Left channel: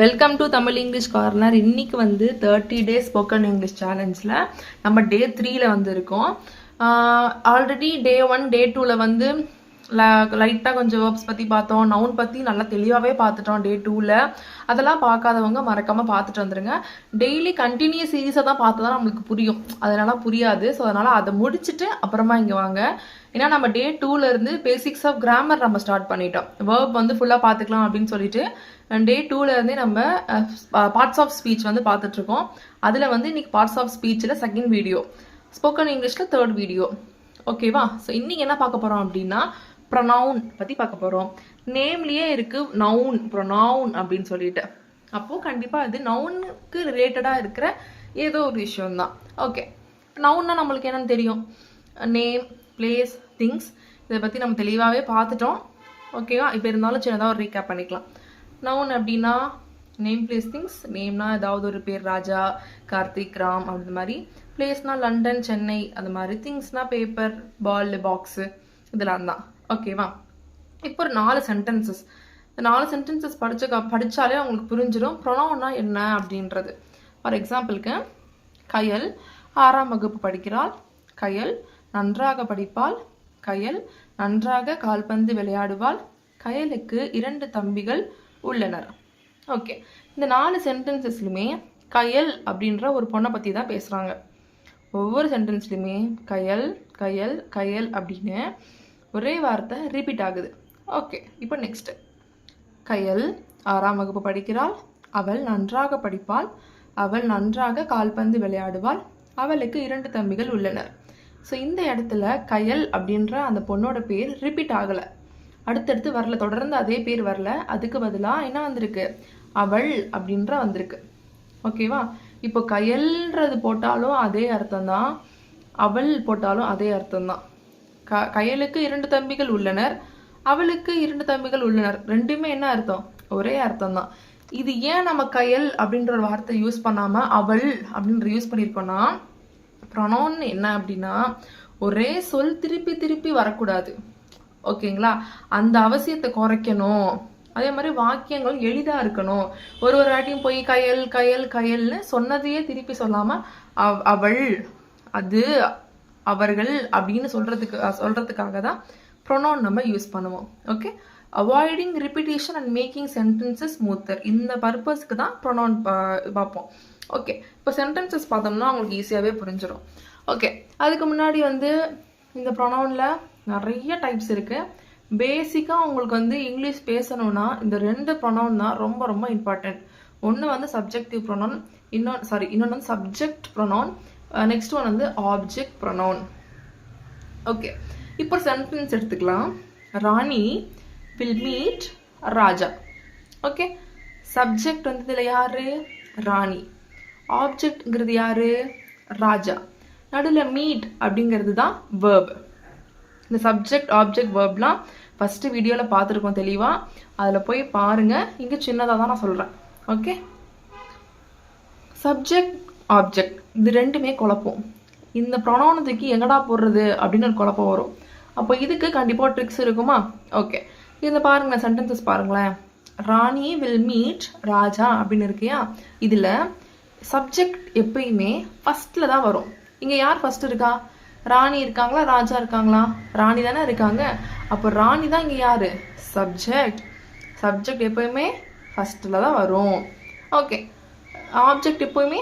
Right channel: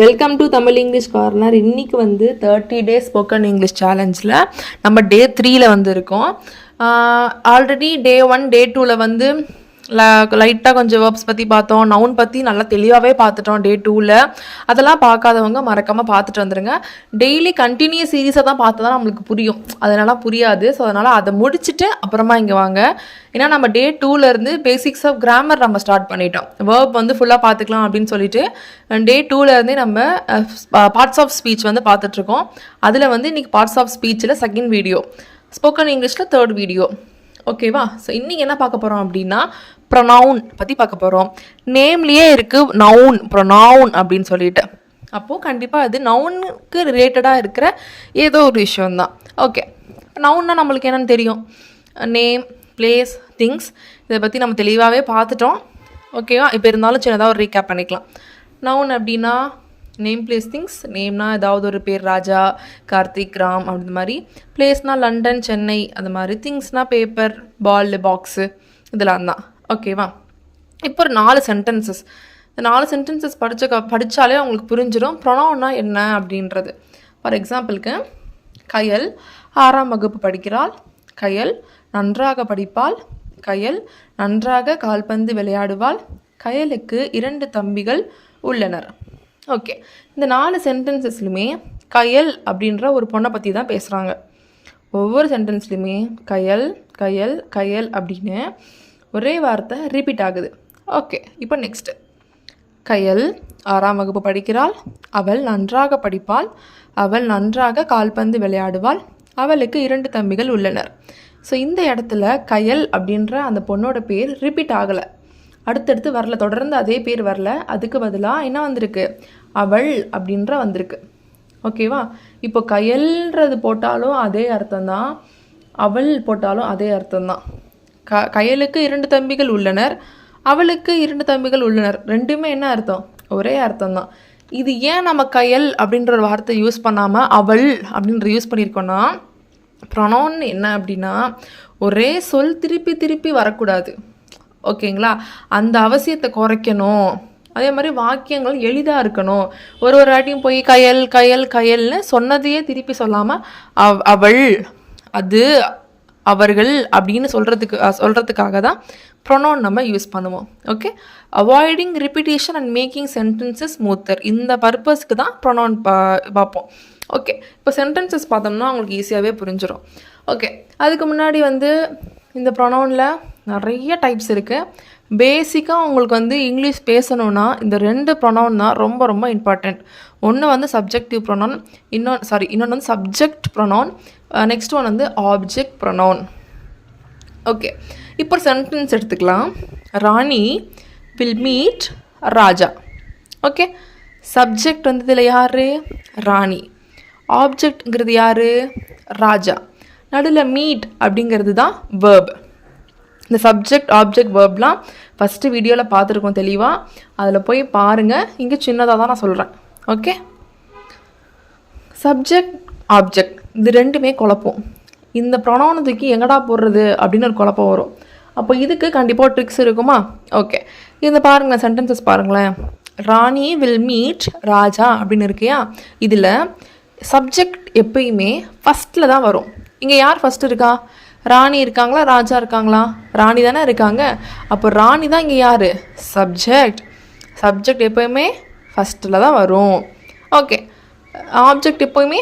Welcome to Tamil English corner. இன்றைக்கி வந்து 30 days spoken English சேலஞ்சில் நம்ம டே 3ல் வந்து இருக்கோம். ஆல்ரெடி டே 1 டே 2ல் வந்து லைட்டாக கொஞ்சம் வேர்ப்ஸ் பற்றி பார்த்தோம், நவுன் பற்றி நல்லா தெளிவாகவே பார்த்துட்டோம் டே 2ல். அதெல்லாம் பார்க்காதவங்க மறக்காமல் பார்த்துட்டு வந்துடுங்க. டெய்லி கண்டினியூஸ் சீரீஸை தான் பார்த்து தான் நம்மளுக்கு புரியும், அதனால் புரியாது. ஸோ அதனால் அதை முடிச்சுட்டு அப்புறமா இங்கே வாங்க. ஏன்னா நம்ம டே 2லேருந்து பேசிக்ஸ் ஆஃப் கிராமர் நம்ம ஸ்டார்ட் பண்ணிட்டோம். வேர்ப் வந்து ஃபுல்லாக பார்த்துக்கலாம் அப்படின்னு சொல்லிட்டு டே 2லேருந்தே நம்ம பார்ட்ஸ் ஆஃப் ஸ்பீச் வந்து பார்த்துட்ருக்கோம். அதில் வந்து இன்றைக்கி பார்ட்ஸ் ஆஃப் ஸ்பீச்சில் செகண்ட் வீடியோ, ஸ்போக்கன் இங்கிலீஷில் தேர்ட் வீடியோ. ஓகேவா? ஸோ இன்றைக்கி என்ன பார்க்க போகிறோம் அப்படின்னா ப்ரொனவுன் பற்றி பார்க்க போகிறோம். நேம்லேயே இருக்குது நவுன், ப்ரொனவுன் அப்படின்னு சொல்லிட்டு. அப்போது கண்டிப்பாக அது நவுனுக்கு ரிலேட்டடாக இருக்கிற ஏதோ ஒரு விஷயந்தான். ஓகே, நவுன்னா நம்மளுக்கு என்னென்னு தெரியும், நேம், பிளேஸ், திங்ஸ். இதை பற்றி நம்ம தெளிவாகவே பார்த்துட்டோம். ஓகேவா? இப்போ இருந்தாலும் சின்னதாக ஒரு ரீகேப் பண்ணிக்கலாம். நவுன் அப்படின்னா நேம், பிளேஸ், திங்ஸ். நேம்னா ஏதாவது ஒரு பேர், ராஜா, கார்த்திக், ராம் அப்படி மாதிரி. பிளேஸ்னால் லண்டன், சென்னை அது மாதிரி. திங்ஸ்னால் பேப்பர், பால், பாக்ஸு, இதெல்லாம் தான். ஓகேவா? இப்போ ஒரு 4 சென்டென்சஸ். இந்த 4 சென்டென்சஸ் படித்தாலே உங்களுக்கு புரிஞ்சிடும் ப்ரொனவுன்னா என்ன அப்படின்றது. ஃபார் எக்ஸாம்பிளுக்கு, கயல் 6ஆம் வகுப்பு படிக்கிறாள். கயல் நன்றாக படிப்பாள். கயல் நன்றாக கால்பந்து விளையாடுவாள். கயலுக்கு 2 தம்பிகள் உள்ளனர். ஓகே, இந்த 4 சென்டென்சஸ்லையுமே கயல் அப்படின்ற ஒரு பொண்ணை பற்றி தான் பேசுகிறாங்க. ஒவ்வொரு சென்டென்ஸ்லையுமே கயல் கயல் கயல் அப்படின்னு ஒரே வார்த்தை ரிப்பீட் ஆகுது. ஓகே, இப்போ நெக்ஸ்ட்டு, கயல் 6ஆம் வகுப்பு படிக்கிறாள். அவள் நன்றாக படிப்பாள். அவள் நன்றாக கால்பந்து விளையாடுவாள். அவளுக்கு 2 தம்பிகள் உள்ளனர். ஸோ இந்த இடத்துல கயல் அப்படின்ற அந்த பொண்ணோட பேர் ரிப்பீட் ஆகலை, அடுத்தடுத்து வரல, தொடர்ந்து அதே பேர் வரல. அதுக்கு பதிலாக என்ன வந்திருக்கு, அவள் அப்படின்ற வந்திருக்கு. ஓகேவா? இப்போ கயல்ன்றது போட்டாலும் அதே அர்த்தம்தான், அவள் போட்டாலும் அதே அர்த்தம்தான். கயலுக்கு 2 தம்பிகள் உள்ளனர், அவளுக்கு 2 தம்பிகள் உள்ளனர், ரெண்டுமே என்ன அர்த்தம், ஒரே அர்த்தம்தான். இது ஏன் நம்ம கயல் அப்படின்ற ஒரு வார்த்தை யூஸ் பண்ணாமல் அவள் அப்படின்ற யூஸ் பண்ணியிருக்கோன்னா, ப்ரொனவுன் என்ன அப்படின்னா ஒரே சொல் திருப்பி திருப்பி வரக்கூடாது. ஓகேங்களா? அந்த அவசியத்தை குறைக்கணும். அதே மாதிரி வாக்கியங்கள் எளிதாக இருக்கணும். ஒரு வாட்டியும் போய் கயல் கயல் கயல்னு சொன்னதையே திருப்பி சொல்லாமல் அவள், அது, அவர்கள் அப்படின்னு சொல்கிறதுக்காக தான் ப்ரொனவுன் நம்ம யூஸ் பண்ணுவோம். Okay, avoiding repetition and making sentences smoother, இந்த பர்பஸ்க்கு தான் ப்ரொனவுன் பார்ப்போம். ஓகே, இப்போ சென்டென்சஸ் பார்த்தோம்னா உங்களுக்கு ஈஸியாகவே புரிஞ்சிடும். ஓகே, அதுக்கு முன்னாடி வந்து இந்த ப்ரொனவுனில் நிறைய டைப்ஸ் இருக்குது. பேசிக்காக உங்களுக்கு வந்து இங்கிலீஷ் பேசணுன்னா இந்த 2 ப்ரொனவுன் தான் ரொம்ப ரொம்ப இம்பார்ட்டண்ட். ஒன்று வந்து சப்ஜெக்டிவ் ப்ரொனவுன், இன்னொன்று வந்து சப்ஜெக்ட் ப்ரொனவுன், நெக்ஸ்ட் ஒன் வந்து ஆப்ஜெக்ட் ப்ரொனவுன். ஓகே, இப்போ சென்டென்ஸ் எடுத்துக்கலாம். Rani will meet Raja. Okay, subject வந்து இதில் யார், ராணி. ஆப்ஜெக்ட்ங்கிறது யார், ராஜா. நடுவில் மீட் அப்படிங்கிறது தான் வேர்ப். இந்த சப்ஜெக்ட் ஆப்ஜெக்ட் வேர்ப்லாம் ஃபஸ்ட்டு வீடியோவில் பார்த்துருக்கோம் தெளிவாக, அதில் போய் பாருங்கள். இங்கே சின்னதாக தான் நான் சொல்கிறேன். ஓகே, சப்ஜெக்ட் ஆப்ஜெக்ட் இது ரெண்டுமே குழப்பம். இந்த ப்ரொனவுனை தூக்கி எங்கடா போடுறது அப்படின்னு ஒரு குழப்பம் வரும். அப்போ இதுக்கு கண்டிப்பாக ட்ரிக்ஸ் இருக்குமா? ஓகே, இந்த பாருங்களேன், சென்டென்சஸ் பாருங்களேன். ராணி வில் மீட் ராஜா அப்படின்னு இருக்கியா, இதில் சப்ஜெக்ட் எப்பயுமே ஃபஸ்ட்டில் தான் வரும். இங்கே யார் ஃபஸ்ட்டு இருக்கா, ராணி இருக்காங்களா, ராஜா இருக்காங்களா? ராணி தானே இருக்காங்க. அப்போ ராணி தான் இங்கே யார், சப்ஜெக்ட். சப்ஜெக்ட் எப்போயுமே ஃபஸ்ட்டில் தான் வரும். ஓகே, ஆப்ஜெக்ட் எப்போயுமே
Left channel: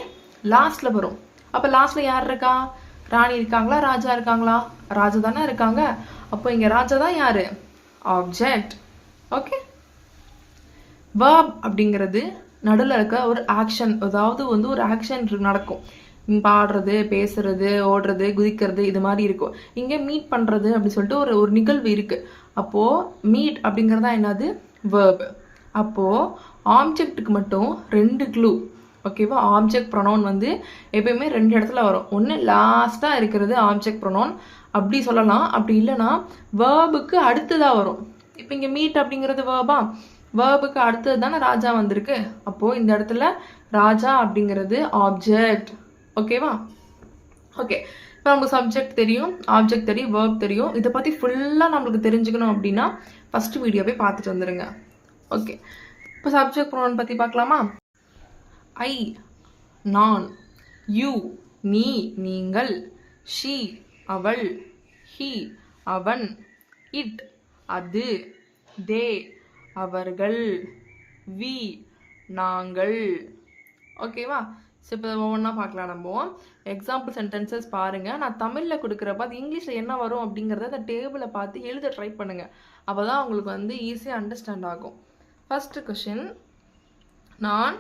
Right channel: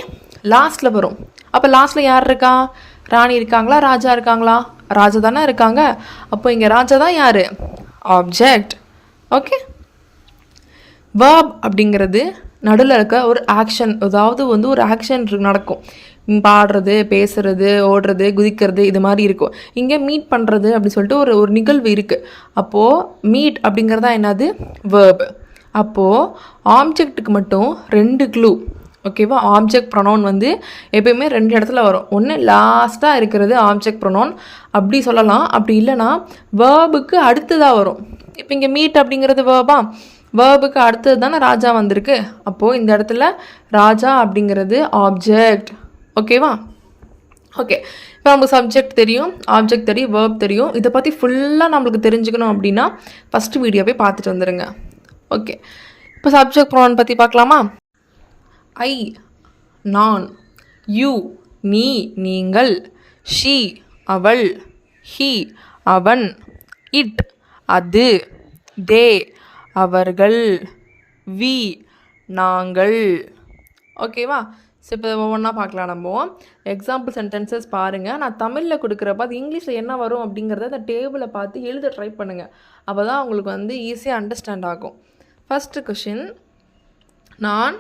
லாஸ்ட்டில் வரும். அப்போ லாஸ்ட்டில் யார் இருக்கா, ராணி இருக்காங்களா, ராஜா இருக்காங்களா? ராஜா தானே இருக்காங்க. அப்போ இங்கே ராஜா தான் யார், ஆப்ஜெக்ட். ஓகே, வேர்ப் அப்படிங்கிறது நடுவில் இருக்க ஒரு ஆக்ஷன், அதாவது வந்து ஒரு ஆக்ஷன் நடக்கும். பாடுறது, பேசுறது, ஓடுறது, குதிக்கிறது, இது மாதிரி இருக்கும். இங்கே மீட் பண்ணுறது அப்படின்னு சொல்லிட்டு ஒரு நிகழ்வு இருக்குது. அப்போது மீட் அப்படிங்கிறதா என்னது, வேர்ப். அப்போது ஆப்ஜெக்ட்டுக்கு மட்டும் 2 க்ளூ. ஓகேவா? ஆப்ஜெக்ட் ப்ரொனவுன் வந்து எப்பயுமே 2 இடத்துல வரும். ஒன்று லாஸ்ட்டாக இருக்கிறது ஆப்ஜெக்ட் ப்ரொனவுன் அப்படி சொல்லலாம். அப்படி இல்லைன்னா வேர்புக்கு அடுத்ததாக வரும். இப்போ இங்கே மீட் அப்படிங்கிறது வேர்பா, வேர்புக்கு அடுத்தது தானே ராஜா வந்திருக்கு. அப்போது இந்த இடத்துல ராஜா அப்படிங்கிறது ஆப்ஜெக்ட். ஓகேவா? ஓகே, இப்போ நமக்கு சப்ஜெக்ட் தெரியும், ஆப்ஜெக்ட் தெரியும், வேர்ப் தெரியும். இதை பற்றி ஃபுல்லாக நம்மளுக்கு தெரிஞ்சுக்கணும் அப்படின்னா ஃபஸ்ட்டு வீடியோவே பார்த்துட்டு வந்துடுங்க. ஓகே, இப்போ சப்ஜெக்ட் ப்ரோனவுன் பற்றி பார்க்கலாமா? ஐ நான், யூ நீ நீங்கள், ஷீ அவள், ஹி அவன், இட் அது, தே அவர்கள், வி நாங்கள். ஓகேவா? ஸோ இப்போ ஒவ்வொன்றா பார்க்கலாம். நம்ம எக்ஸாம்பிள் சென்டென்சஸ் பாருங்கள். நான் தமிழில் கொடுக்குறப்ப அது இங்கிலீஷில் என்ன வரும் அப்படிங்கிறத அந்த டேபிளை பார்த்து எழுத ட்ரை பண்ணுங்கள். அப்போ தான் உங்களுக்கு வந்து ஈஸியாக அண்டர்ஸ்டாண்ட் ஆகும். ஃபஸ்ட்டு கொஷின், நான்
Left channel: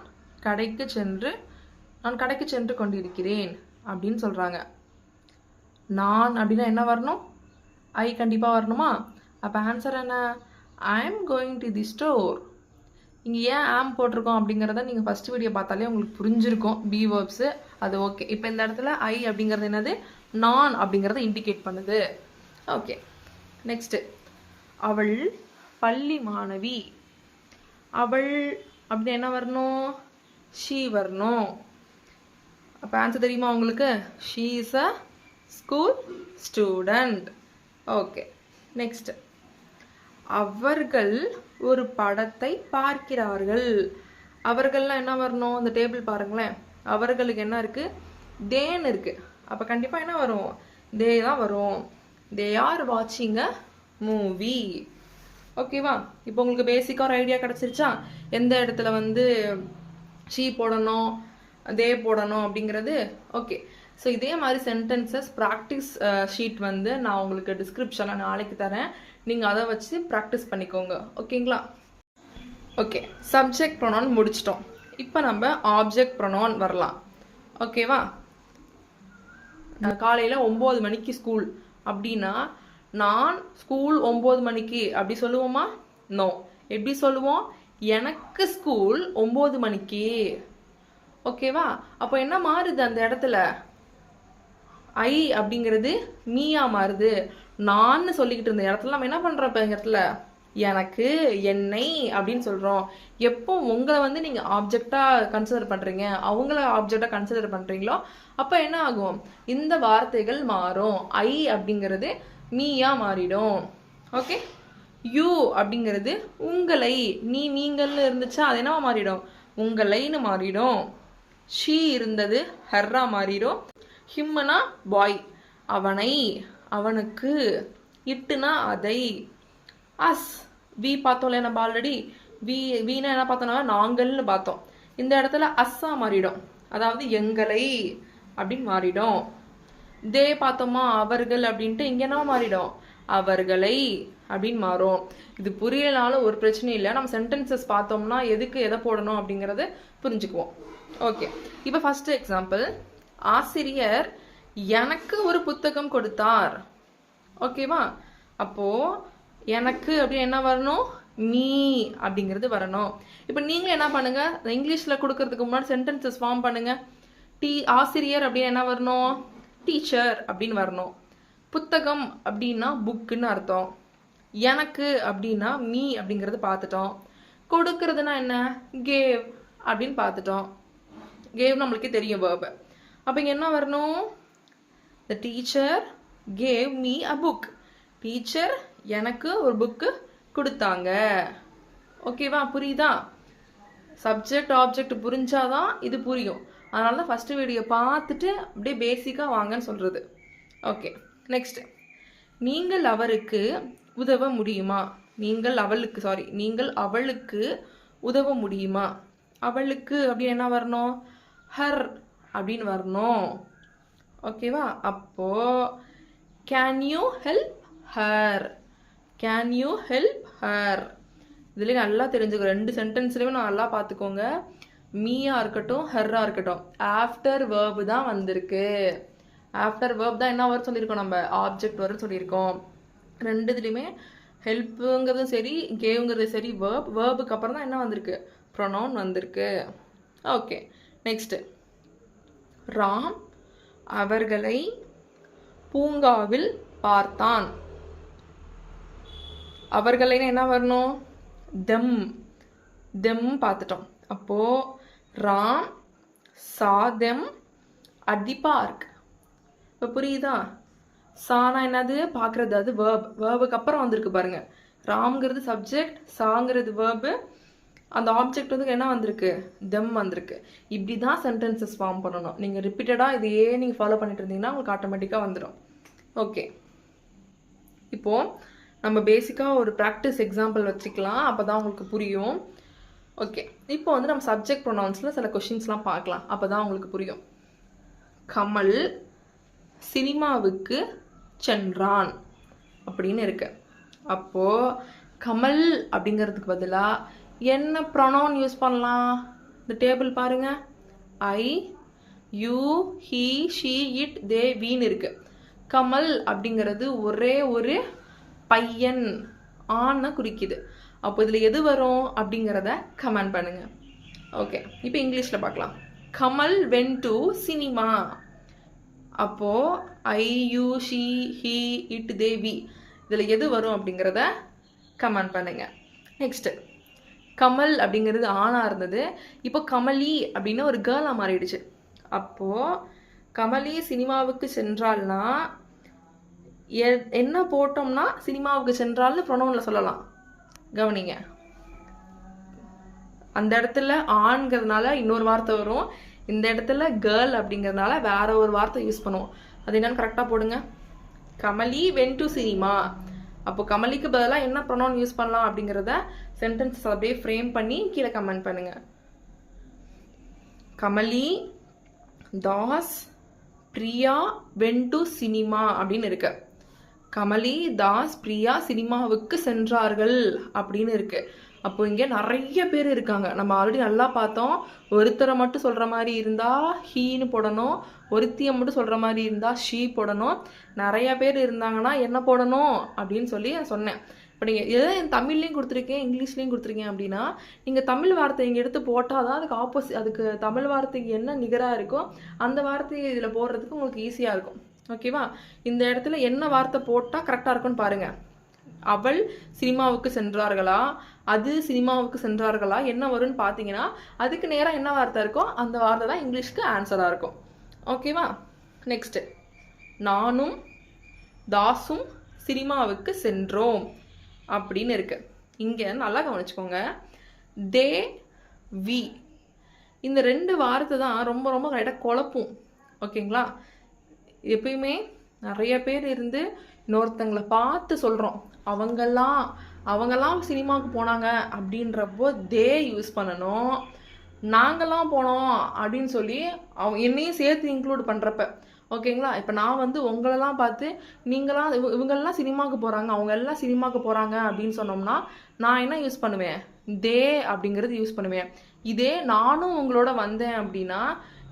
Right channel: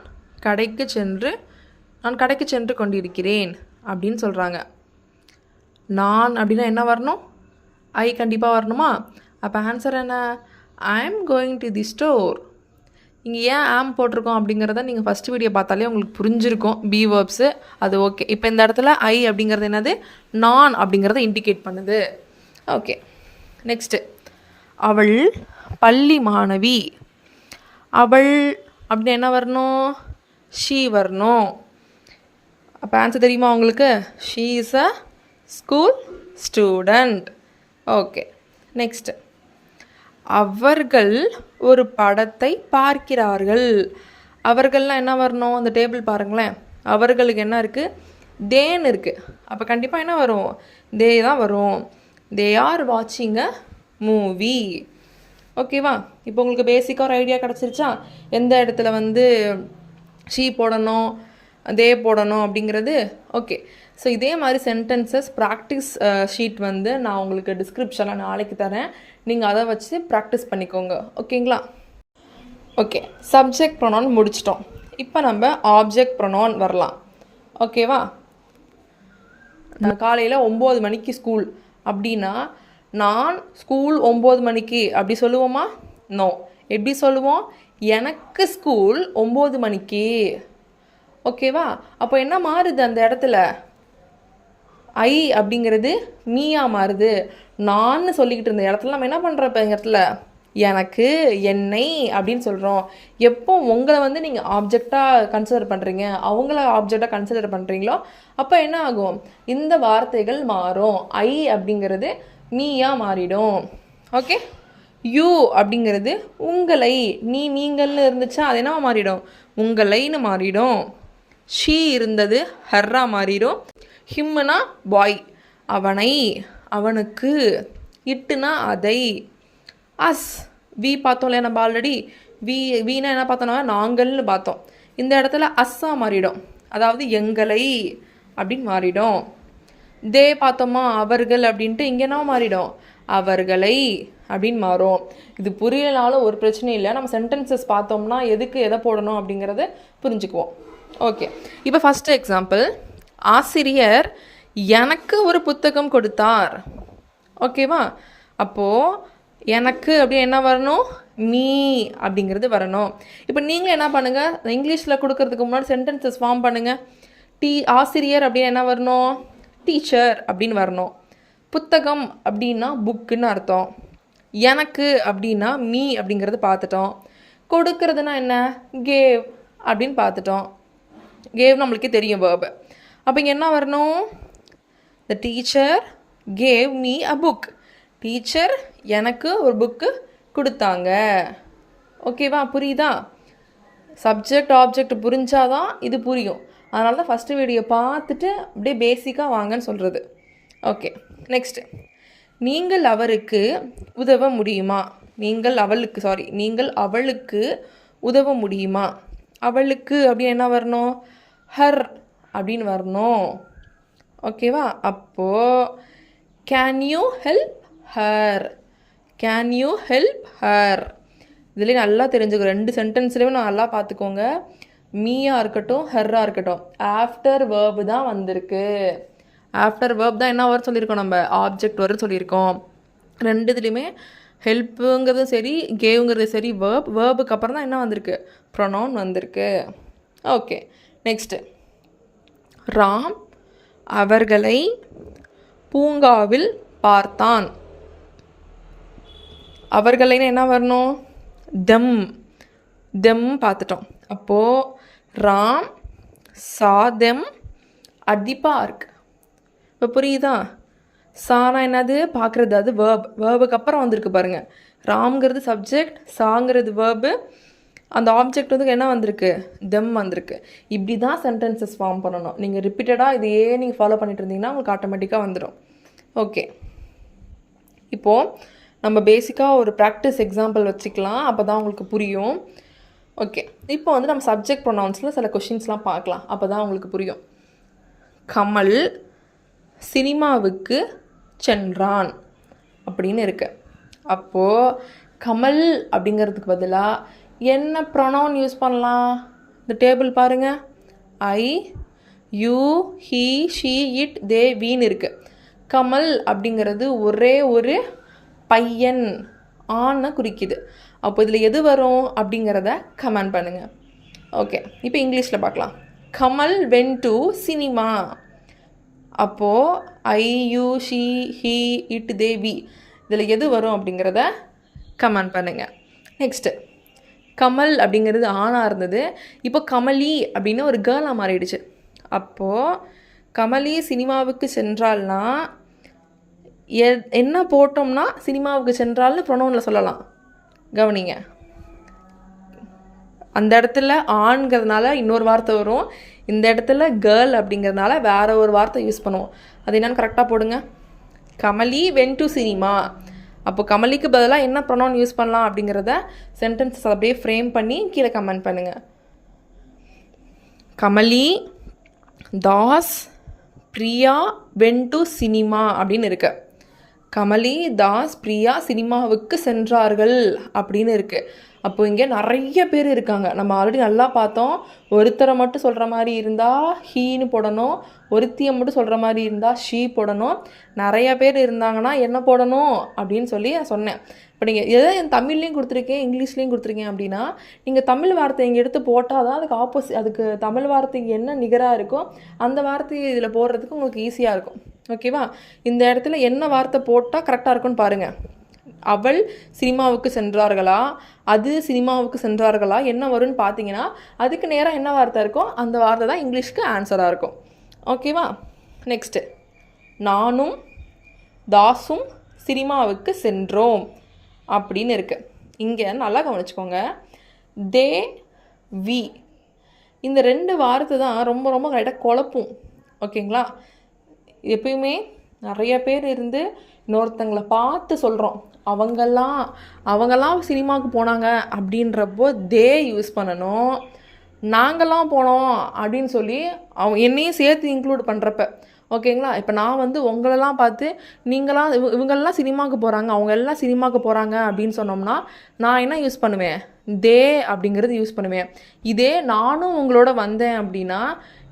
கடைக்கு சென்று கொண்டிருக்கிறேன் அப்படின்னு சொல்கிறாங்க. நான் அப்படின்னா என்ன வரணும்? ஐ கண்டிப்பாக வரணுமா? அப்போ ஆன்சர் என்ன? ஐ am going to the store. இங்கே ஏன் ஆம் போட்டிருக்கோம் அப்படிங்கிறத நீங்கள் ஃபஸ்ட் வீடியோ பார்த்தாலே உங்களுக்கு புரிஞ்சிருக்கும். பி வேர்ப்ஸு அது ஓகே. இப்போ இந்த இடத்துல ஐ அப்படிங்கிறது என்னது? நான் அப்படிங்கிறத இண்டிகேட் பண்ணுது. ஓகே, நெக்ஸ்ட்டு, அவள் பள்ளி மாணவி. அவள் அப்படின்னு என்ன வரணும்? ஷீ வரணும். அப்போ ஆன்சர் தெரியுமா உங்களுக்கு? She is a school student. Okay, next, அவர்கள் ஒரு படத்தை பார்க்கிறார்கள். அவர்கள்லாம் என்ன வரணும்? அந்த டேபிள் பாருங்களேன். அவர்களுக்கு என்ன இருக்குது? தேன்னு இருக்குது. அப்போ கண்டிப்பாக என்ன வரும்? தே தான் வரும். தே ஆர் வாட்சிங் அ மூவி. ஓகேவா? இப்போ உங்களுக்கு பேசிக்காக ஒரு ஐடியா கிடச்சிருச்சா? எந்த இடத்துல வந்து ஷீ போடணும், தே போடணும் அப்படிங்கிறது? ஓகே. ஸோ இதே மாதிரி சென்டென்சஸ் ப்ராக்டிஸ் ஷீட் வந்து நான் உங்களுக்கு டிஸ்கிரிப்ஷனில் நாளைக்கு தரேன். நீங்கள் அதை வச்சு ப்ராக்டிஸ் பண்ணிக்கோங்க. ஓகேங்களா? ஓகே, சப்ஜெக்ட் ப்ரொனவுன் முடிச்சிட்டோம். இப்போ நம்ம ஆப்ஜெக்ட் ப்ரொனவுன் வரலாம். ஓகேவா? காலையில் 9 மணிக்கு ஸ்கூல் அப்படின்னா நான் ஸ்கூல் 9 மணிக்கு அப்படி சொல்லுவோமா? நோ. எப்படி சொல்லுவோம்? எனக்கு ஸ்கூல் 9 மணிக்கு. ஓகேவா? அப்போ என்ன மாறுது அந்த இடத்துல? ஐ அப்படிங்கிறது நீயா மாறுது. நான் சொல்லிக்கிட்டு இருந்த இடத்துல நம்ம என்ன பண்ணுறோம்? இப்போ இந்த இடத்துல எனக்கு, என்னை அப்படின்னு சொல்கிறோம். எப்போ உங்களை வந்து நீங்கள் ஆப்ஜெக்டாக கன்சிடர் பண்ணுறீங்க, அவங்கள ஆப்ஜெக்டாக கன்சிடர் பண்ணுறீங்களோ அப்போ என்ன ஆகும்? இந்த வார்த்தைகள் மாறும். ஐ அப்படிங்கிறது நீயாக மாறிடும். ஓகே, யூ அப்படிங்கிறது உங்களை, நீங்கள்னு இருந்துச்சா அது என்ன மாறிடும்? உங்களைன்னு மாறிடும். ஷீ இருந்தது ஹர்ரா மாறிடும். ஹிம்னா பாய், அவனை, அவனுக்கு. இட்டுனா அதை. அஸ், வி பார்த்தோம்ல நம்ம ஆல்ரெடி. வீணா என்ன பார்த்தோம்னா நாங்கள்னு பார்த்தோம். இந்த இடத்துல அஸ்ஸா மாறிடும், அதாவது எங்களை அப்படின்னு மாறிடும். தே பார்த்தோமா அவர்கள் அப்படின்ட்டு இங்கே என்ன மாறிடும்? அவர்களை அப்படின்னு மாறும். இது புரியலனாலும் ஒரு பிரச்சனை இல்லை. நம்ம சென்டென்சஸ் பார்த்தோம்னா எதுக்கு எதை போடணும் அப்படிங்கிறத புரிஞ்சுக்குவோம். ஓகே, இப்போ ஃபஸ்ட்டு எக்ஸாம்பிள், ஆசிரியர் எனக்கு ஒரு புத்தகம் கொடுத்தார். ஓகேவா? அப்போது எனக்கு அப்படின்னு என்ன வரணும்? மீ அப்படிங்கிறது வரணும். இப்போ நீங்கள் என்ன பண்ணுங்கள்? இங்கிலீஷில் கொடுக்கறதுக்கு முன்னாடி சென்டென்சஸ் ஃபார்ம் பண்ணுங்கள். ஆசிரியர் அப்படின்னு என்ன வரணும்? டீச்சர் அப்படின்னு வரணும். புத்தகம் அப்படின்னா புக்குன்னு அர்த்தம். எனக்கு அப்படின்னா மீ அப்படிங்கிறது பார்த்துட்டோம். கொடுக்கறதுனா என்ன? கேவ் அப்படின்னு பார்த்துட்டோம். கேவ் நம்மளுக்கே தெரியும் வேர்பு. அப்போ இங்கே என்ன வரணும்? The teacher gave me a book. Teacher எனக்கு ஒரு புக்கு கொடுத்தாங்க. ஓகேவா? புரியுதா? சப்ஜெக்ட் ஆப்ஜெக்ட் புரிஞ்சாதான் இது புரியும். அதனால தான் ஃபஸ்ட்டு வீடியோ பார்த்துட்டு அப்படியே பேசிக்காக வாங்கன்னு சொல்கிறது. ஓகே, நெக்ஸ்ட்டு, நீங்கள் அவருக்கு உதவ முடியுமா? நீங்கள் அவளுக்கு உதவ முடியுமா? அவளுக்கு அப்படின்னு என்ன வரணும்? ஹர் அப்படின்னு வரணும். ஓகேவா? அப்போது can you help her, can you help her. இதுலேயே நல்லா தெரிஞ்சுக்கோ. 2 சென்டென்ஸ்லேயுமே நல்லா பார்த்துக்கோங்க. மீயாக இருக்கட்டும் ஹர்ராக இருக்கட்டும், ஆஃப்டர் வேர்பு தான் வந்திருக்கு. ஆஃப்டர் வேர்ப் தான் என்ன வர சொல்லியிருக்கோம்? நம்ம ஆப்ஜெக்ட் வர சொல்லியிருக்கோம். 2 இதுலேயுமே ஹெல்ப்புங்கிறதும் சரி கேவுங்கிறது சரி வேர்புக்கு அப்புறம் தான் என்ன வந்திருக்கு? ப்ரொனவுன் வந்திருக்கு. ஓகே, நெக்ஸ்ட்டு, ராம் அவர்களை பூங்காவில் பார்த்தான். அவர்களைன்னு என்ன வரணும்? தெம் பார்த்துட்டோம். அப்போது Ram saw them at the park. இப்போ புரியுதா? சானா என்னது? பார்க்குறது. அது வேர்புக்கு அப்புறம் வந்திருக்கு பாருங்கள். ராம்ங்கிறது சப்ஜெக்ட், சாங்கிறது வேர்பு, அந்த ஆப்ஜெக்ட் வந்து என்ன வந்திருக்கு, தெம் வந்திருக்கு. இப்படி தான் சென்டென்சஸ் ஃபார்ம் பண்ணணும். நீங்கள் ரிப்பீட்டடாக இதையே நீங்கள் ஃபாலோ பண்ணிட்டு இருந்தீங்கன்னா உங்களுக்கு ஆட்டோமேட்டிக்காக வந்துடும். ஓகே, இப்போது நம்ம பேசிக்காக ஒரு ப்ராக்டிஸ் எக்ஸாம்பிள் வச்சுக்கலாம், அப்போ தான் உங்களுக்கு புரியும். ஓகே, இப்போ வந்து நம்ம சப்ஜெக்ட் ப்ரொனவுன்ஸில் சில கொஷின்ஸ்லாம் பார்க்கலாம், அப்போ தான் உங்களுக்கு புரியும். கமல் சினிமாவுக்கு சென்றான் அப்படின்னு இருக்கு. அப்போது கமல் அப்படிங்கிறதுக்கு பதிலாக என்ன ப்ரொனவுன் யூஸ் பண்ணலாம்? இந்த டேபிள் பாருங்கள், ஐ, யூ, ஹீ, ஷீ, இட், தே, வீன்னு இருக்குது. கமல் அப்படிங்கிறது ஒரே ஒரு பையன், ஆணை குறிக்குது. அப்போ இதில் எது வரும் அப்படிங்கிறத கமெண்ட் பண்ணுங்கள். ஓகே, இப்போ இங்கிலீஷில் பார்க்கலாம். Kamal went to cinema. அப்போது I, you, she, he, it, they, we இதில் எது வரும் அப்படிங்கிறத கமெண்ட் பண்ணுங்கள். நெக்ஸ்ட்டு, கமல் அப்படிங்கிறது ஆணாக இருந்தது, இப்போ கமலி அப்படின்னு ஒரு கேர்ளாக மாறிடுச்சு. அப்போது கமலி சினிமாவுக்கு சென்றால்னா என்ன போட்டோம்னா சினிமாவுக்கு சென்றால்னு ப்ரொனவுனில் சொல்லலாம். கவனிங்க, அந்த இடத்துல ஆண்கிறதுனால இன்னொரு வார்த்தை வரும், இந்த இடத்துல கேர்ள் அப்படிங்கிறதுனால வேற ஒரு வார்த்தை யூஸ் பண்ணுவோம். அது என்னன்னு கரெக்டாக போடுங்க. Kamali when to cinema. அப்போ கமலிக்கு பதிலாக என்ன ப்ரொனவுன் யூஸ் பண்ணலாம் அப்படிங்கிறத சென்டென்ஸ் அப்படியே ஃப்ரேம் பண்ணி கீழே கமெண்ட் பண்ணுங்கள். Kamali, Das, Priya when to cinema அப்படின்னு இருக்கு. கமலி, தாஸ், பிரியா சினிமாவுக்கு சென்றார்கள் அப்படின்னு இருக்குது. அப்போ இங்கே நிறைய பேர் இருக்காங்க. நம்ம ஆல்ரெடி நல்லா பார்த்தோம், ஒருத்தரை மட்டும் சொல்கிற மாதிரி இருந்தால் ஹீன்னு போடணும், ஒருத்தியை மட்டும் சொல்கிற மாதிரி இருந்தால் ஷீ போடணும், நிறைய பேர் இருந்தாங்கன்னா என்ன போடணும் அப்படின்னு சொல்லி நான் சொன்னேன். இப்போ நீங்கள் எதை என் தமிழ்லேயும் கொடுத்துருக்கேன், இங்கிலீஷ்லேயும் கொடுத்துருக்கேன் அப்படின்னா நீங்கள் தமிழ் வார்த்தை இங்கே எடுத்து போட்டால் தான் அதுக்கு தமிழ் வார்த்தைக்கு என்ன நிகராக இருக்கோ அந்த வார்த்தையை இதில் போடுறதுக்கு உங்களுக்கு ஈஸியாக இருக்கும். ஓகேவா? இந்த இடத்துல என்ன வார்த்தை போட்டால் கரெக்டாக இருக்குன்னு பாருங்கள். அவள் சினிமாவுக்கு சென்றார்களா, அது சினிமாவுக்கு சென்றார்களா, என்ன வரும்னு பார்த்தீங்கன்னா அதுக்கு நேராக என்ன வார்த்தை இருக்கோ அந்த வார்த்தை தான் இங்கிலீஷ்க்கு ஆன்சராக இருக்கும். ஓகேவா? நெக்ஸ்ட்டு, நானும் தாஸும் சினிமாவுக்கு சென்றோம் அப்படின்னு இருக்கு. இங்கே நல்லா கவனிச்சுக்கோங்க, தே, வி இந்த ரெண்டு வார்த்தை தான் ரொம்ப ரொம்ப கரெக்டாக குழப்பும். ஓகேங்களா? எப்பயுமே நிறைய பேர் இருந்து இன்னொருத்தங்களை பார்த்து சொல்கிறோம், அவங்கெல்லாம் சினிமாவுக்கு போனாங்க அப்படின்றப்போ தே யூஸ் பண்ணணும். நாங்கள்லாம் போனோம் அப்படின்னு சொல்லி என்னையும் சேர்த்து இன்க்ளூட் பண்ணுறப்ப, ஓகேங்களா? இப்போ நான் வந்து உங்களெல்லாம் பார்த்து இவங்கெல்லாம் சினிமாவுக்கு போகிறாங்க, அவங்க எல்லாம் சினிமாவுக்கு போகிறாங்க அப்படின்னு சொன்னோம்னா நான் என்ன யூஸ் பண்ணுவேன்? தே அப்படிங்கிறது யூஸ் பண்ணுவேன். இதே நானும் உங்களோட வந்தேன் அப்படின்னா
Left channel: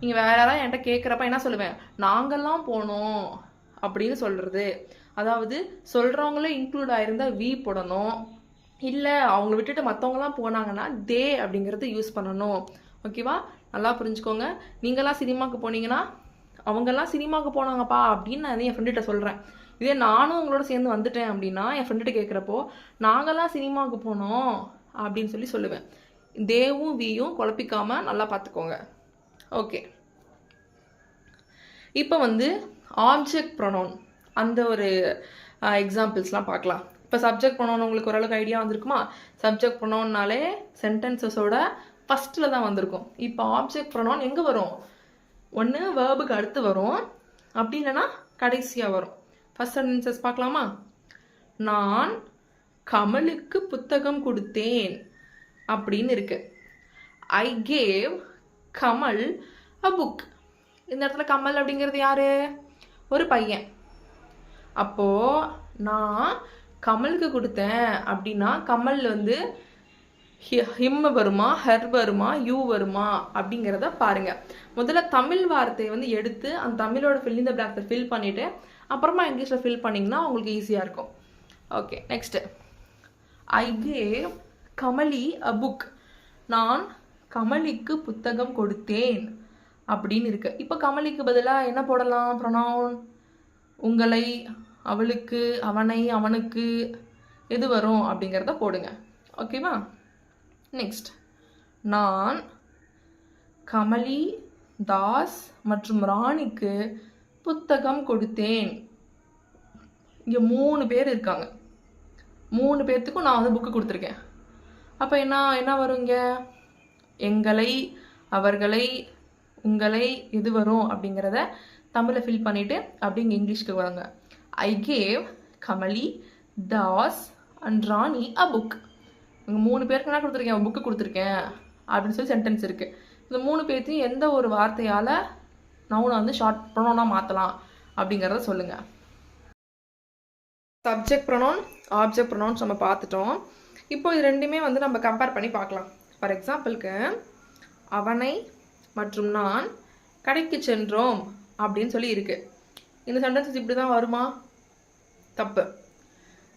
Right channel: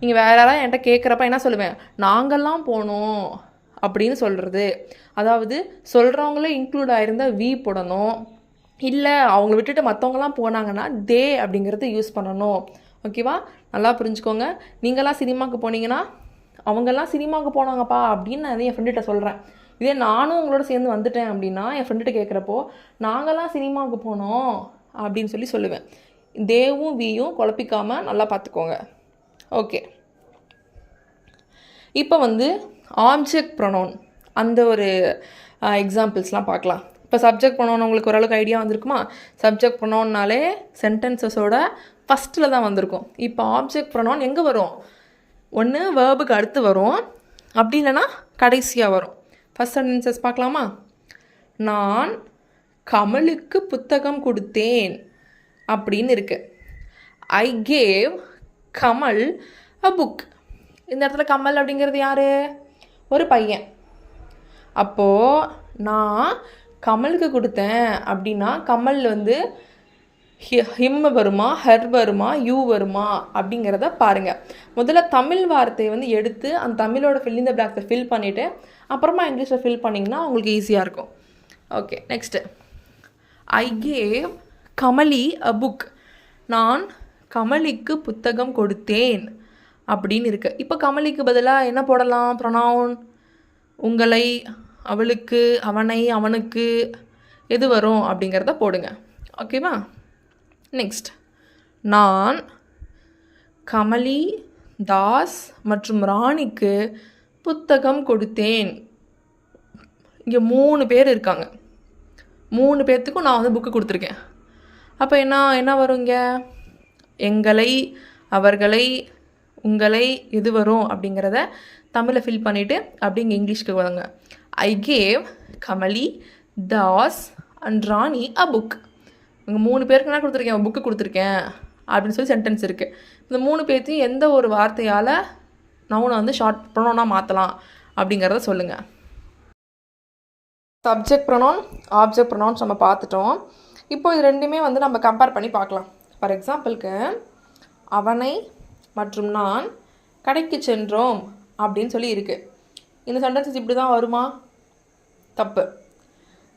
நீங்கள் வேற யாராவது என்கிட்ட கேட்குறப்ப என்ன சொல்லுவேன்? நாங்கள்லாம் போனோம் அப்படின்னு சொல்கிறது. அதாவது சொல்கிறவங்களும் இன்க்ளூட் ஆகிருந்தால் வி போடணும், இல்லை அவங்கள விட்டுட்டு மற்றவங்களாம் போனாங்கன்னா தே அப்படிங்கிறது யூஸ் பண்ணணும். ஓகேவா? நல்லா புரிஞ்சுக்கோங்க. நீங்களாம் சினிமாவுக்கு போனீங்கன்னா அவங்கெல்லாம் சினிமாவுக்கு போனாங்கப்பா அப்படின்னு நான் என் ஃப்ரெண்டுகிட்ட சொல்கிறேன். இதே நானும் உங்களோட சேர்ந்து வந்துட்டேன் அப்படின்னா என் ஃப்ரெண்டுகிட்ட கேட்குறப்போ நாங்கள்லாம் சினிமாவுக்கு போனோம் அப்படின்னு சொல்லுவேன். தேவும் வியும் குழப்பிக்காமல் நல்லா பார்த்துக்கோங்க. ஓகே, இப்போ வந்து ஆப்ஜெக்ட் ப்ரொனவுன் அந்த ஒரு எக்ஸாம்பிள்ஸ்லாம் பார்க்கலாம். இப்போ சப்ஜெக்ட் ப்ரொனவுன் உங்களுக்கு ஓரளவுக்கு ஐடியா வந்திருக்குமா? சப்ஜெக்ட் ப்ரொனவுன்னாலே சென்டென்சஸோட ஃபஸ்ட்டில் தான் வந்திருக்கும். இப்போ ஆப்ஜெக்ட் ப்ரொனவுன் எங்கே வரும்? ஒன்று வேர்புக்கு அடுத்து வரும், அப்படி இல்லைன்னா கடைசியாக வரும். ஃபஸ்ட் சென்டென்சஸ் பார்க்கலாமா? நான் கமலுக்கு புத்தகம் கொடுத்தேன் அப்படின்னு இருக்கு. I gave Kamal a book. இந்த இடத்துல கமல் அப்படிங்கிறது யார்? ஒரு பையன். அப்போது நான் கமலுக்கு கொடுத்தேன் அப்படின்னா கமல் வந்து ஹிம் வருமா, ஹர் வருமா, யூ வருமா அப்படிங்கிறத பாருங்கள். முதல்ல தமிழ் வார்த்தையை வந்து எடுத்து அந்த தமிழோட ஃபில் இந்த பிளாக்ஸை ஃபில் பண்ணிவிட்டு அப்புறமா இங்கிலீஷில் ஃபில் பண்ணிங்கன்னா உங்களுக்கு ஈஸியாக இருக்கும். Okay, next, I gave Kamali a book. நான் கமலிக்கு புத்தகம் கொடுத்தேன் அப்படின்னு இருக்கு. இப்போ கமலிக்கு பதிலாக என்ன போடலாம்? ப்ரொனவுன் உங்களை, அவளுக்கு, அவனை, அவனுக்கு எது வரும் அப்படிங்கிறத போடுங்க. ஓகேவா? நெக்ஸ்ட், நான் கமலி, தாஸ் மற்றும் ராணிக்கு புத்தகம் கொடுத்தேன். இங்கே 3 பேர் இருக்காங்க. 3 பேர்த்துக்கும் நான் வந்து புக்கு கொடுத்துருக்கேன். அப்போ என்ன என்ன வரும் இங்கே? எங்களை, அவர்களை, உங்களை எது வரும் அப்படிங்கிறத தமிழில் ஃபில் பண்ணிவிட்டு அப்படி இங்கே இங்கிலீஷ்க்கு வாங்க. I gave Kamali, Das and Rani a book. இங்கே 3 பேருக்கு என்ன கொடுத்துருக்கேன்? புக்கு கொடுத்துருக்கேன் அப்படின்னு சொல்லி சென்டென்ஸ் இருக்குது. இந்த 3 பேர்த்தையும் எந்த ஒரு வார்த்தையால் நவுனை வந்து ஷார்ட் ப்ரொனவுனாக மாற்றலாம் அப்படிங்கிறத சொல்லுங்கள். சப்ஜெக்ட் ப்ரொனவுன், ஆப்ஜெக்ட் ப்ரொனவுன்ஸ் நம்ம பார்த்துட்டோம். இப்போ இது ரெண்டுமே வந்து நம்ம கம்பேர் பண்ணி பார்க்கலாம். ஃபார் எக்ஸாம்பிளுக்கு அவனை மற்றும் நான் கடைக்கு சென்றோம் அப்படின்னு சொல்லி இருக்குது. இந்த சென்டென்சஸ் இப்படி தான் வருமா? தப்பு.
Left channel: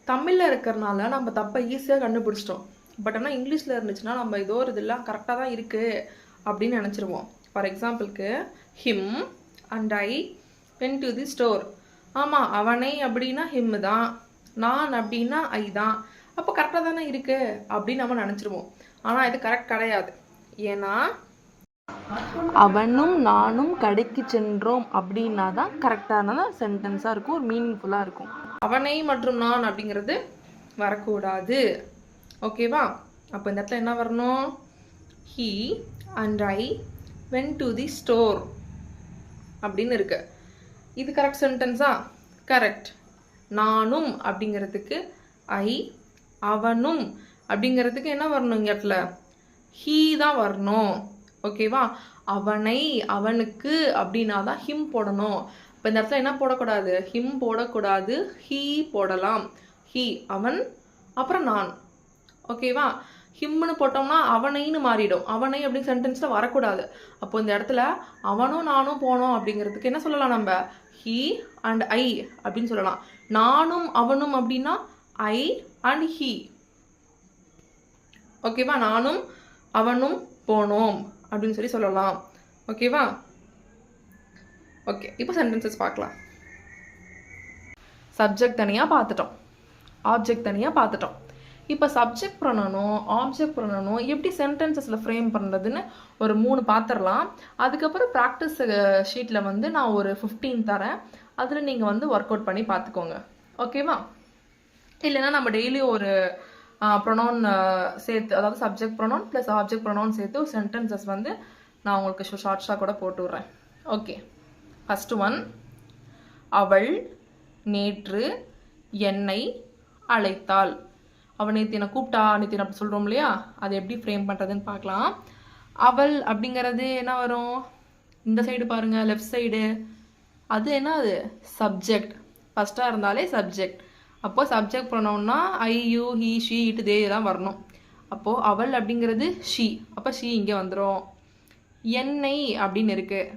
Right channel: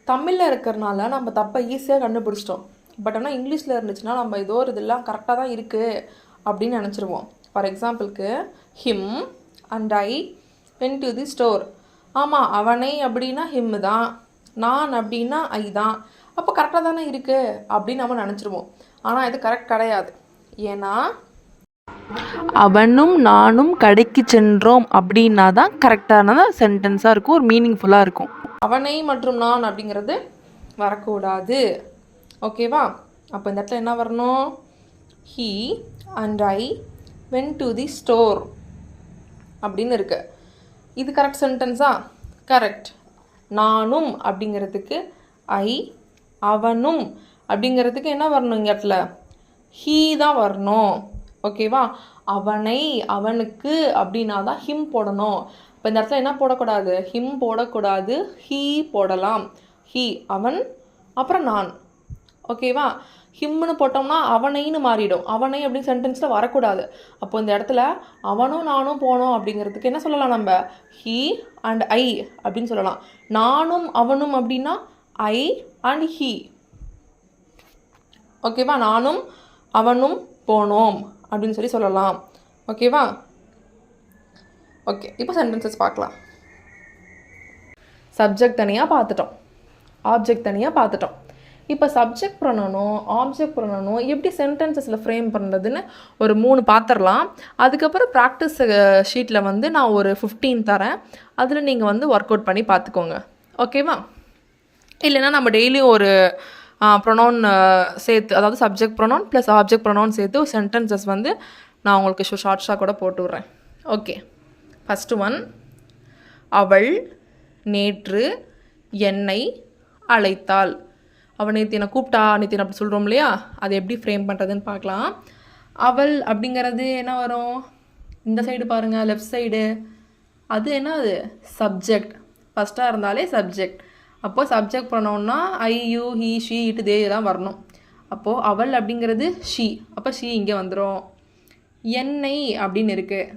தமிழில் இருக்கிறனால நம்ம தப்பை ஈஸியாக கண்டுபிடிச்சிட்டோம். பட் ஆனால் இங்கிலீஷில் இருந்துச்சுன்னா நம்ம ஏதோ ஒரு இதெல்லாம் கரெக்டாக தான் இருக்குது அப்படின்னு நினச்சிருவோம். ஃபார் எக்ஸாம்பிளுக்கு him and I went to the store. ஆமாம், அவனை அப்படின்னா ஹிம் தான், நான் அப்படின்னா ஐ தான், அப்போ கரெக்டாக தானே இருக்குது அப்படின்னு நம்ம நினச்சிருவோம். ஆனால் இது கரெக்ட் கிடையாது. ஏன்னா அவனும் நானும் கடைக்கு சென்றோம் அப்படின்னா தான் கரெக்டான சென்டென்ஸாக இருக்கும், ஒரு மீனிங்ஃபுல்லாக இருக்கும். அவனை மற்றும் நான் அப்படிங்கிறது வரக்கூடாது. ஓகேவா? அப்போ இந்த இடத்துல என்ன வரணும்? He and I went to the store அப்படின்னு இருக்கு. இது கரெக்ட் சென்டென்ஸா? கரெக்ட். நானும் அப்படிங்கிறதுக்கு ஐ, அவனும் அப்படிங்கிறதுக்கு என்ன வரணும்? இங்கே இடத்துல ஹீ தான் வரணும். ஓகேவா? அவனை, அவனுக்கு அப்படின்னா தான் ஹிம் போடணும். இப்போ இந்த இடத்துல என்ன போடக்கூடாது? ஹிம் போடக்கூடாது, ஹீ போடலாம். ஹீ அவன், அப்புறம் நான். ஓகேவா? ஹிம்னு போட்டோம்னா அவனைன்னு மாறிடும். அவனை அப்படின்னு சென்டென்ஸில் வரக்கூடாது. அப்போ இந்த இடத்துல அவனும் நானும் போனோம் அப்படிங்கிறதுக்கு என்ன சொல்லலாம்? நம்ம ஹீ அண்ட் ஐ அப்படின்னு சொல்லலாம். நானும் அவனும் அப்படின்னா ஐ அண்ட் ஹீ. ஓகேவா? நானும் அவனும் போனோம் அப்படின்னு சொல்லலாம். ஓகேவா? ஓகே, இப்போ சென்டென்சஸ் பார்க்கலாம். சப்ஜெக்ட் தனியாக பார்த்துட்டோம், ஆப்ஜெக்ட் தனியாக பார்த்துட்டோம். இப்போ சப்ஜெக்ட் ப்ரொனவுனும் ஆப்ஜெக்ட் ப்ரொனவுனும் எப்படி சென்டென்சஸில் ஃப்ரேம் பண்ணுறதுன்னு ஒரு 3 பார்த்துடலாம். அதுக்கப்புறம் ப்ராக்டிஸ் ஷீட்டில் வந்து நான் ஒரு 15 தரேன். அதில் நீங்கள் வந்து ஒர்க் அவுட் பண்ணி பார்த்துக்கோங்க. ஓகேவா? இல்லைன்னா நம்ம டெய்லியும் ஒரு ப்ரொனவுன் சேர்த்து, அதாவது subject pronoun plus object pronoun சேர்த்து ஒரு சென்டென்சஸ் வந்து நான் உங்களுக்கு ஷார்ட்ஸாக கூட போட்டு விட்றேன். Okay, first one. அவள் நேற்று என்னை அழைத்தாள். அவள் நேற்று என்னை கூப்பிட்டா, நேற்று அப்படி சொல்கிறோம் இல்லையா? அதை எப்படி ஃப்ரேம் பண்ணுறதுன்னு பார்க்கலாம். அவள் அப்படிங்கிறது என்ன வரும்? இந்த சைடு பாருங்கள், லெஃப்ட் சைடு. அது என்ன? அது சப்ஜெக்ட். ஃபஸ்ட்டாக இருந்தாலே சப்ஜெக்ட். அப்போது சப்ஜெக்ட் ப்ரொனவுன்னா I, you, he, she, it, they எல்லாம் வரணும். அப்போது அவள் அப்படிங்கிறது ஷீ, அப்போ ஷீ இங்கே வந்துடும். என்னை அப்படின்னு இருக்குது.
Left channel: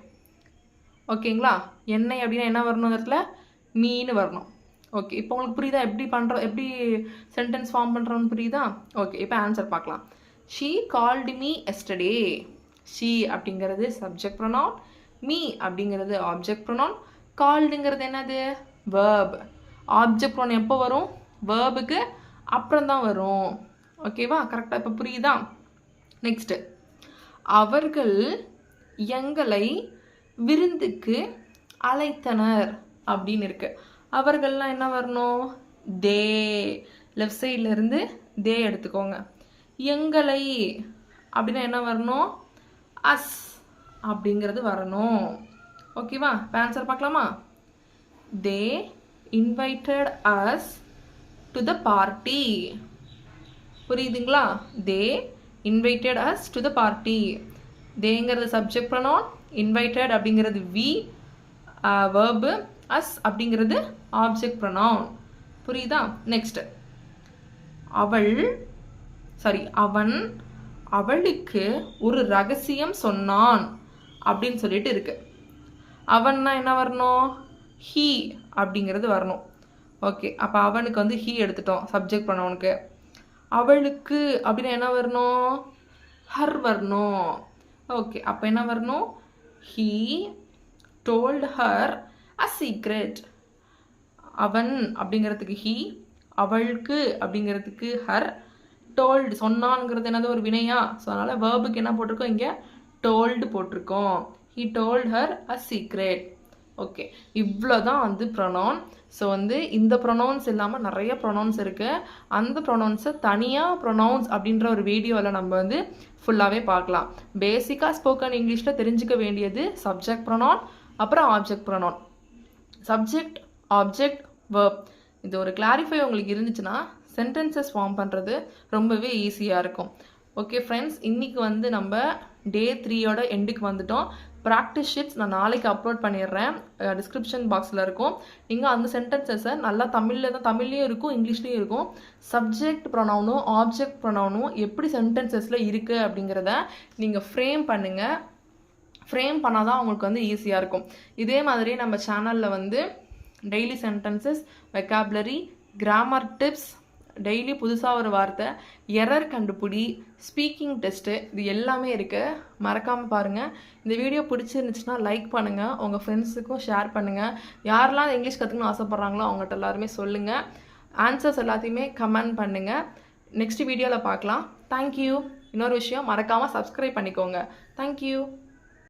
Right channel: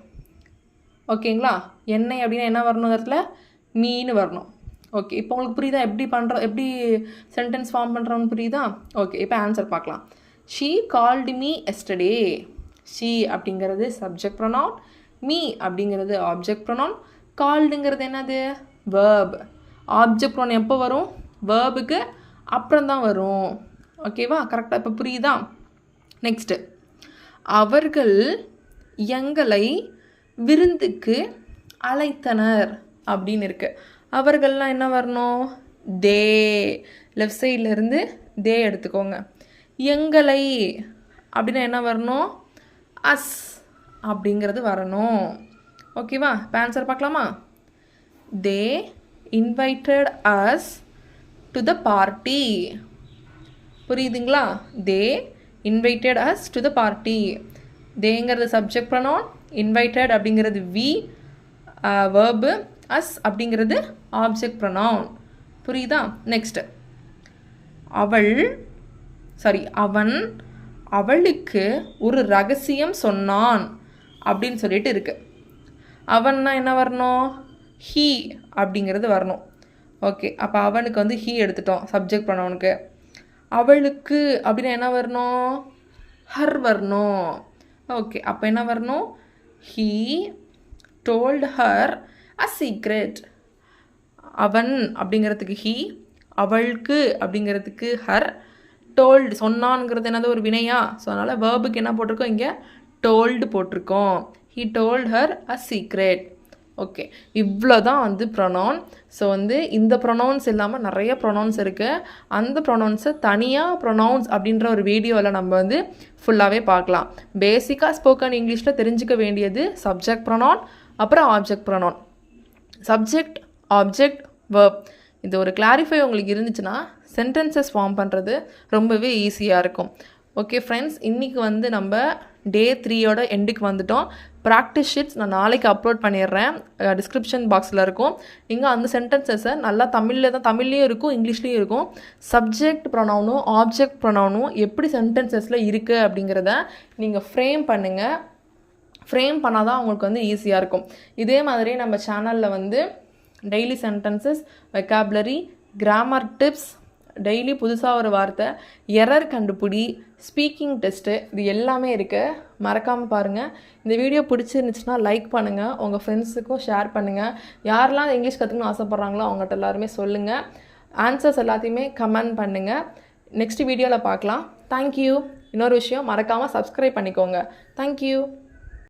ஓகேங்களா? என்னை அப்படின்னா என்ன வரணும்? இந்த இடத்துல மீன்னு வரணும். ஓகே, இப்போ உங்களுக்கு புரியுதா எப்படி சென்டென்ஸ் ஃபார்ம் பண்ணுறோன்னு புரியுதா? ஓகே, இப்போ ஆன்சர் பார்க்கலாம். She called me yesterday. She அப்படிங்கிறது சப்ஜெக்ட் ப்ரொனவுன், மீ அப்படிங்கிறது ஆப்ஜெக்ட் ப்ரொனவுன், கால்டுங்கிறது என்னது? வேர்ப். ஆப்ஜெக்ட் ப்ரொனவுன் எப்போ வரும்? வேர்புக்கு அப்புறம் தான் வரும். ஓகேவா? கரெக்டாக இப்போ புரியுதா? நெக்ஸ்ட்டு, அவர்கள் எங்களை விருந்துக்கு அழைத்தனர் அப்படின்னு இருக்கு. அவர்கள்லாம் என்ன வரணும்? தே. லெஃப்ட் சைடில் இருந்து தே எடுத்துக்கோங்க. எங்களை அப்படின்னா என்ன வரணும்? அஸ் அப்படிங்கிறது வரணும். ஓகேவா? இப்போ ஆன்சர் பார்க்கலாமா? They invited us to the party. புரியுதுங்களா? They invited us to the party. தேங்கிறது சப்ஜெக்ட் ப்ரொனவுன், இன்வைட்டட் அப்படிங்கிறது வி வேர்பு, அஸ் அப்படிங்கிறது ஆப்ஜெக்ட் ப்ரொனவுன். புரியுதா? நெக்ஸ்ட், அவன் அவளுக்கு ஒரு ரகசியம் சொன்னான் அப்படின்னு சொல்லிட்டு இருக்கு. அவன்னா என்ன வரணும்? ஹீ அப்படிங்கிறது வரணும். ஓகே, அப்போ அவனுக்கு வந்து ஹீ எடுத்துட்டோம் சப்ஜெக்ட் ப்ரொனவுனுக்கு. அவளுக்கு அப்படின்னா என்ன வரணும்? ஹர் வரணும். ஓகே, அப்போ என்ன வரணும்? He told her a secret. அவன் அப்படிங்கிறதுக்கு ஹீ, அவளுக்கு அப்படிங்கிறதுக்கு ஹர், டோல்டு சொன்னான்ங்கிறது என்னது? ஒரு வினையா? ஸோ அதனால் வேர்புக்கு என்ன போட்டிருக்கோம்? இங்கே டோல்டு போட்டிருக்கோம். He told her a secret. Okay, இவ்வளோ தான் வந்து ப்ரொனவுன். ஸோ வந்து இந்த ப்ரொனவுன்ஸ் இல்லாமல் நிறைய ப்ரொனவுன்ஸ் இருக்குது. அந்த ப்ரொனவுன்ஸை தனியாக ப்ரொனவுன்ஸ் அப்படின்ற ஒரு வீடியோவில் நம்ம வந்து ஃபுல்லாகவே பார்க்கலாம். பேசிக்காக ஸ்போக்கன் இங்கிலீஷில் தெரிஞ்சுக்க வேண்டியது சப்ஜெக்ட் ப்ரொனவுன், அப்புறம் object pronoun. Subject, object, verb, இது ஒரு கிளாரிஃபை உங்களுக்கு இருந்துச்சுன்னா சென்டென்சஸ் ஃபார்ம் பண்ணுறது ரொம்பவே ஈஸியாக இருக்கும். ஓகே ஃப்ரெண்ட்ஸ், இன்றைக்கி வந்து நம்ம டே 3யோட எண்டுக்கு வந்துட்டோம். ப்ராக்டிஸ் ஷீட்ஸ் நான் நாளைக்கு அப்லோட் பண்ணிடுறேன், டிஸ்கிரிப்ஷன் பாக்ஸில் இருக்கும். நீங்கள் அந்த சென்டென்சஸை நல்லா தமிழ்லேயும் இருக்கும், இங்கிலீஷ்லேயும் இருக்கும். சப்ஜெக்ட் ப்ரொனவுனும் ஆப்ஜெக்ட் ப்ரொனவுனும் எப்படி சென்டென்சஸில் இருக்குது அப்படிங்கிறத நீங்கள் ஃப்ரேம் பண்ணுங்கள். ஃப்ரேம் பண்ணால் தான் உங்களுக்கு வந்து ஈஸியாக இருக்கும். இதே மாதிரி நம்ம சேனலில் வந்து daily sentences, vocabulary, grammar tips, daily புதுசாக ஒரு வார்த்தை, எரர் கண்டுபிடி, ஸ்பீக்கிங் டெஸ்ட்டு, இது எல்லாமே இருக்குது. மறக்காமல் பாருங்கள். இந்த வீடியோ பிடிச்சிருந்துச்சுன்னா லைக் பண்ணுங்கள், உங்கள் ஃப்ரெண்ட்ஸுக்கும் ஷேர் பண்ணுங்கள். யாரெல்லாம் இங்கிலீஷ் கற்றுக்கணும்னு ஆசைப்பட்றாங்களோ அவங்கள்ட்ட எல்லாருமே சொல்லுங்கள். ஆன்சர்ஸ் எல்லாத்தையுமே கமெண்ட் பண்ணுங்கள். நெக்ஸ்ட் வீடியோவில் பார்க்கலாம். தேங்க்யூ. இன்னொரு விஷயம், மறக்காமல் சப்ஸ்கிரைப் பண்ணிக்கோங்க. தேங்க்யூ.